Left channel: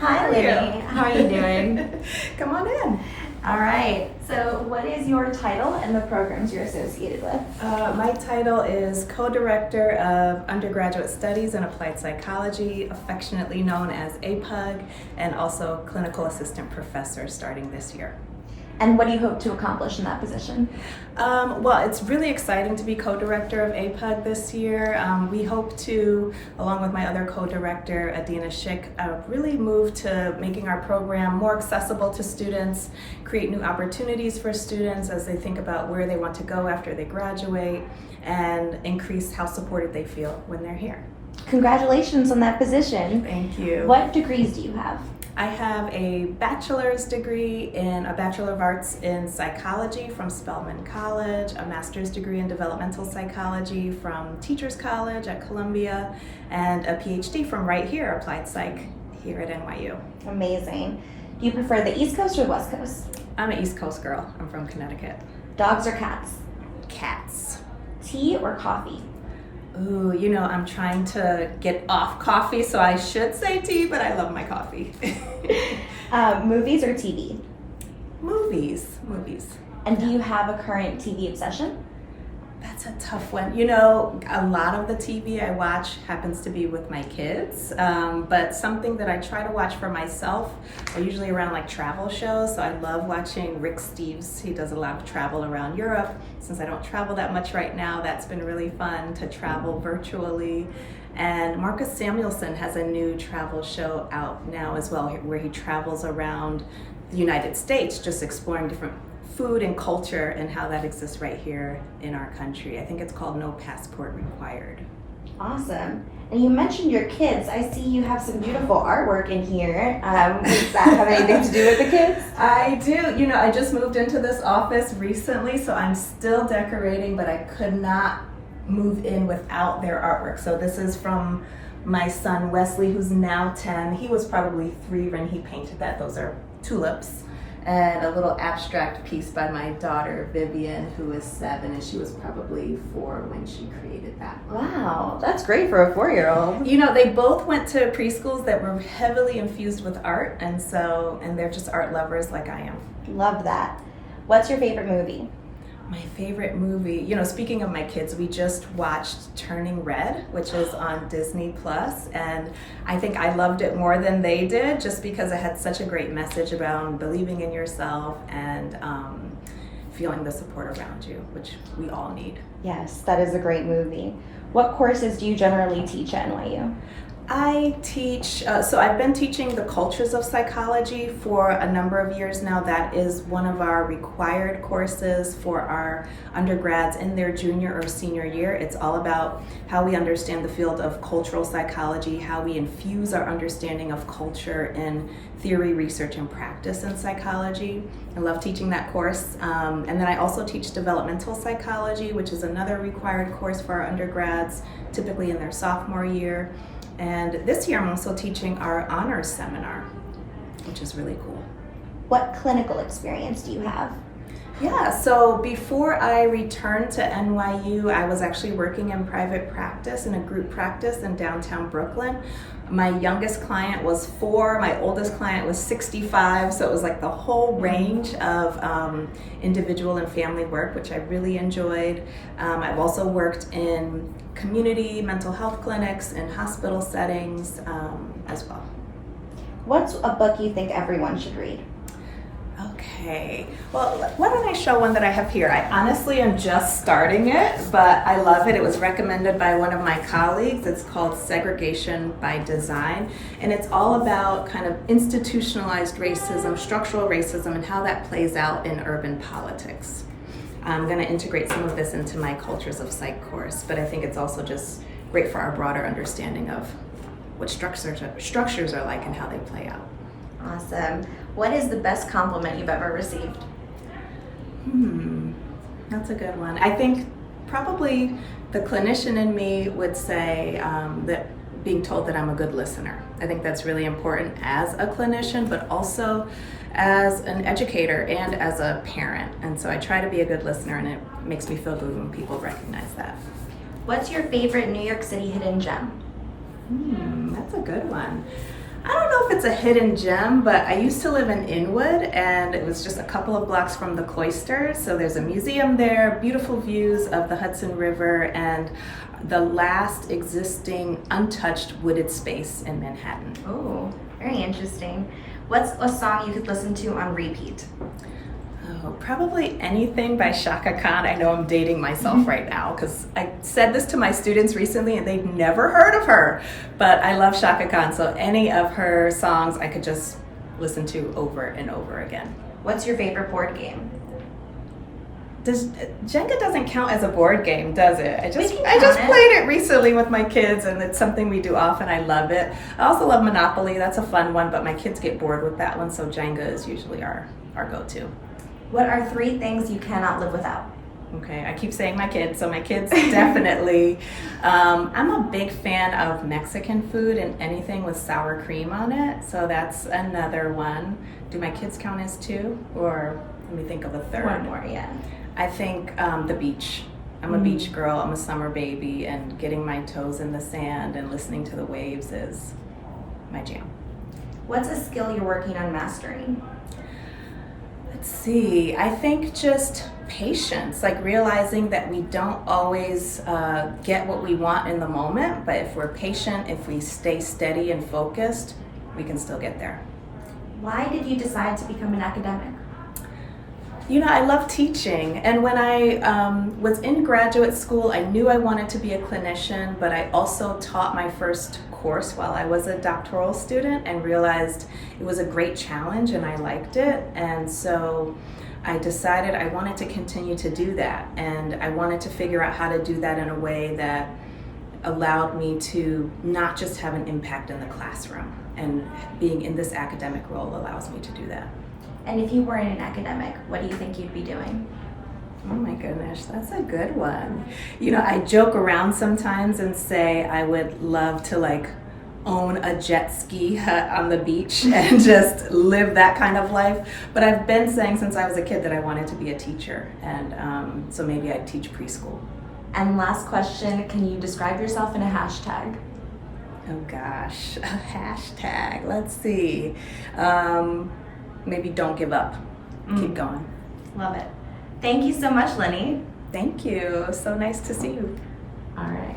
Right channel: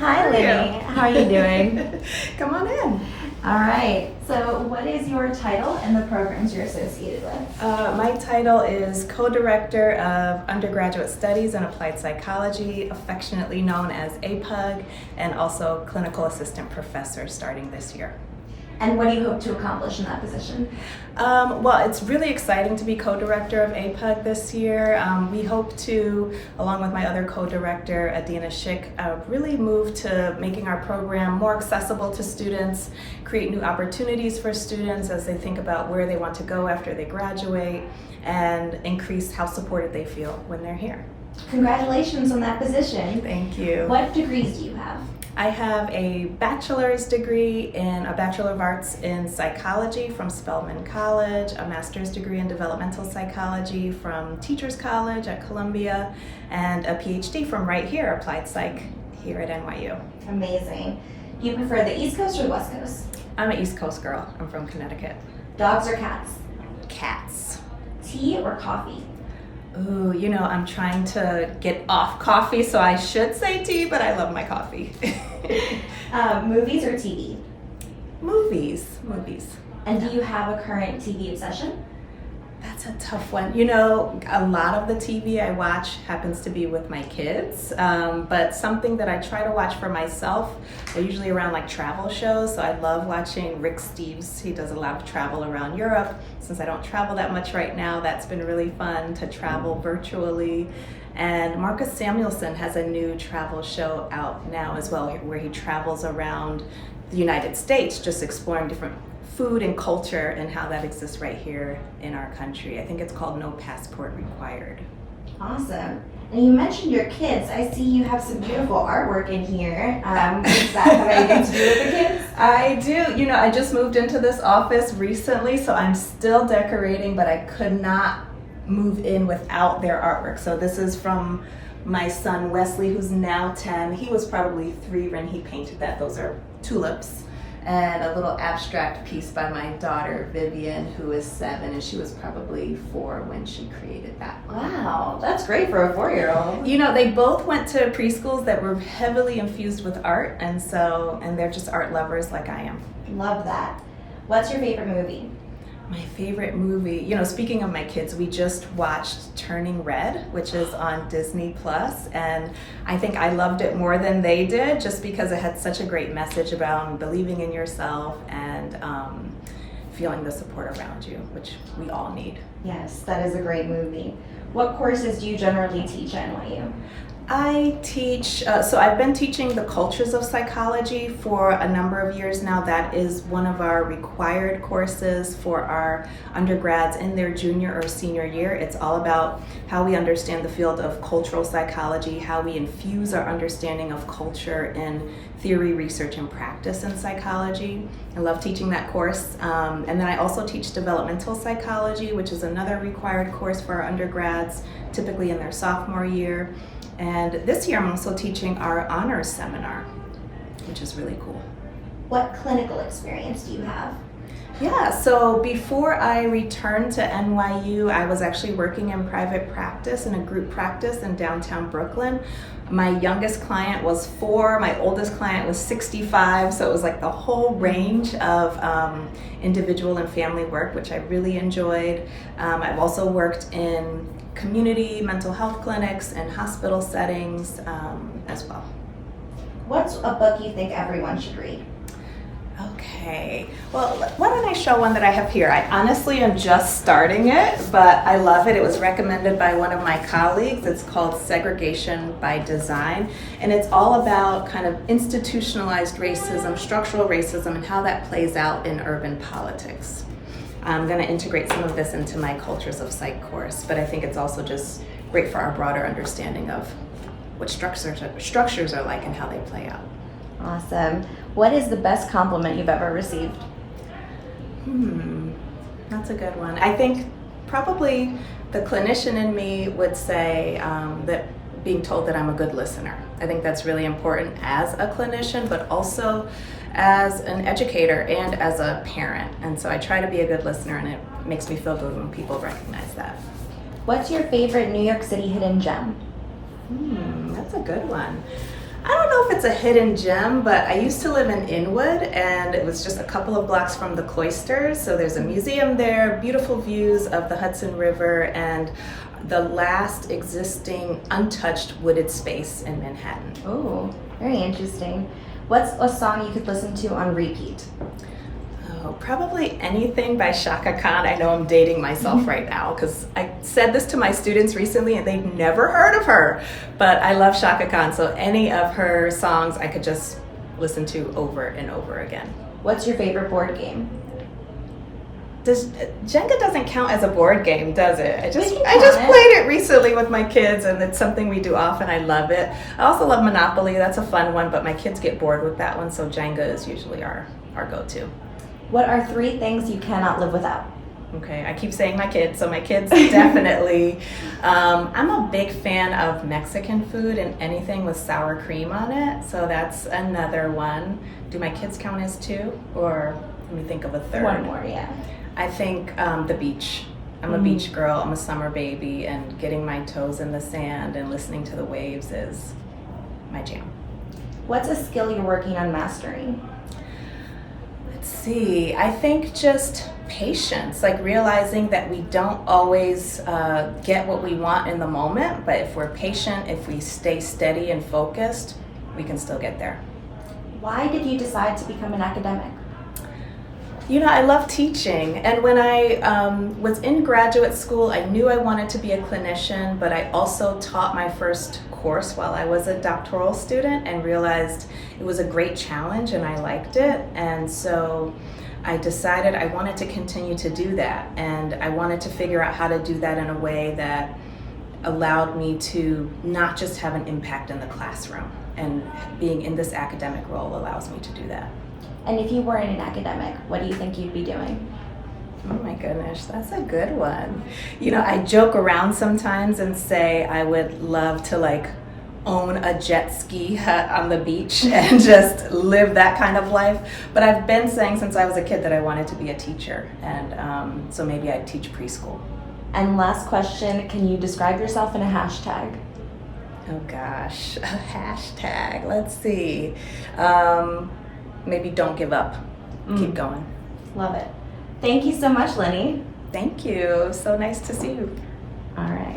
Hi, Linnie. How are you doing? Come on in. All right. So, what is your title and the programs you're associated with? My title is Co-Director of Undergraduate Studies in Applied Psychology, affectionately known as APUG, and also Clinical Assistant Professor starting this year. And what do you hope to accomplish in that position? Well, it's really exciting to be co-director of APUG this year. We hope to, along with my other co-director, Adina Schick, really move to making our program more accessible to students, create new opportunities for students as they think about where they want to go after they graduate, and increase how supported they feel when they're here. Congratulations on that position. Thank you. What degrees do you have? I have a bachelor's degree in a Bachelor of Arts in Psychology from Spelman College, a master's degree in Developmental Psychology from Teachers College at Columbia, and a PhD from right here, Applied Psych, here at NYU. Amazing. Do you prefer the East Coast or the West Coast? I'm an East Coast girl. I'm from Connecticut. Dogs or cats? Cats. Tea or coffee? Ooh, I'm trying to get off coffee, so I should say tea, but I love my coffee. Movies or TV? Movies. And do you have a current TV obsession? That's a tough one. A lot of the TV I watch happens to be with my kids, but something that I try to watch for myself are usually around like travel shows. So I love watching Rick Steves. He does a lot of travel around Europe. Since I don't travel that much right now, that's been really fun to travel virtually. And Marcus Samuelsson has a new travel show out now as well, where he travels around the United States, just exploring different food and culture and how that exists right here in our country. I think it's called No Passport Required. Awesome. And you mentioned your kids. I see you have some beautiful artwork in here. Does that have anything to do with the kids? I do. I just moved into this office recently, so I'm still decorating, but I could not move in without their artwork. So this is from my son Wesley, who's now 10. He was probably 3 when he painted that. Those are tulips. And a little abstract piece by my daughter Vivian, who is 7, and she was probably 4 when she created that one. Wow, that's great for a 4-year-old. They both went to preschools that were heavily infused with art, and they're just art lovers like I am. Love that. What's your favorite movie? My favorite movie, speaking of my kids, we just watched Turning Red, which is on Disney Plus, and I think I loved it more than they did just because it had such a great message about believing in yourself and feeling the support around you, which we all need. Yes, that is a great movie. What courses do you generally teach at NYU? I teach, so I've been teaching the cultures of psychology for a number of years now. That is one of our required courses for our undergrads in their junior or senior year. It's all about how we understand the field of cultural psychology, how we infuse our understanding of culture in theory, research, and practice in psychology. I love teaching that course. And then I also teach developmental psychology, which is another required course for our undergrads, typically in their sophomore year. And this year I'm also teaching our honors seminar, which is really cool. What clinical experience do you have? Yeah, so before I returned to NYU, I was actually working in private practice, in a group practice in downtown Brooklyn. My youngest client was 4, my oldest client was 65, so it was like the whole range of individual and family work, which I really enjoyed. I've also worked in community mental health clinics and hospital settings as well. What's a book you think everyone should read? Okay, well, why don't I show one that I have here? I honestly am just starting it, but I love it. It was recommended by one of my colleagues. It's called Segregation by Design, and it's all about kind of institutionalized racism, structural racism, and how that plays out in urban politics. I'm going to integrate some of this into my Cultures of Psych course, but I think it's also just great for our broader understanding of what structures are like and how they play out. Awesome. What is the best compliment you've ever received? That's a good one. I think probably the clinician in me would say that being told that I'm a good listener. I think that's really important as a clinician, but also as an educator and as a parent. And so I try to be a good listener, and it makes me feel good when people recognize that. What's your favorite New York City hidden gem? That's a good one. I don't know if it's a hidden gem, but I used to live in Inwood, and it was just a couple of blocks from the cloisters. So there's a museum there, beautiful views of the Hudson River, and the last existing untouched wooded space in Manhattan. Oh, very interesting. What's a song you could listen to on repeat? Oh, probably anything by Chaka Khan. I know I'm dating myself right now because I said this to my students recently and they've never heard of her. But I love Chaka Khan, so any of her songs I could just listen to over and over again. What's your favorite board game? Jenga doesn't count as a board game, does it? I just count played it recently with my kids, and it's something we do often. I love it. I also love Monopoly. That's a fun one, but my kids get bored with that one, so Jenga is usually our go-to. What are 3 things you cannot live without? Okay, I keep saying my kids, so my kids definitely. I'm a big fan of Mexican food and anything with sour cream on it, so that's another one. Do my kids count as 2, or let me think of a third? One more, yeah. I think the beach. I'm a beach girl, I'm a summer baby, and getting my toes in the sand and listening to the waves is my jam. What's a skill you're working on mastering? Let's see, I think just patience, like realizing that we don't always get what we want in the moment, but if we're patient, if we stay steady and focused, we can still get there. Why did you decide to become an academic? You know, I love teaching, and when I was in graduate school, I knew I wanted to be a clinician, but I also taught my first course while I was a doctoral student and realized it was a great challenge and I liked it, and so I decided I wanted to continue to do that, and I wanted to figure out how to do that in a way that allowed me to not just have an impact in the classroom, and being in this academic role allows me to do that. And if you weren't an academic, what do you think you'd be doing? Oh my goodness, that's a good one. You know, I joke around sometimes and say I would love to like own a jet ski hut on the beach and just live that kind of life. But I've been saying since I was a kid that I wanted to be a teacher, and so maybe I'd teach preschool. And last question, can you describe yourself in a hashtag? Oh gosh, a hashtag, let's see. Maybe don't give up, keep going. Love it. Thank you so much, Linnie. Thank you, so nice to see you. All right.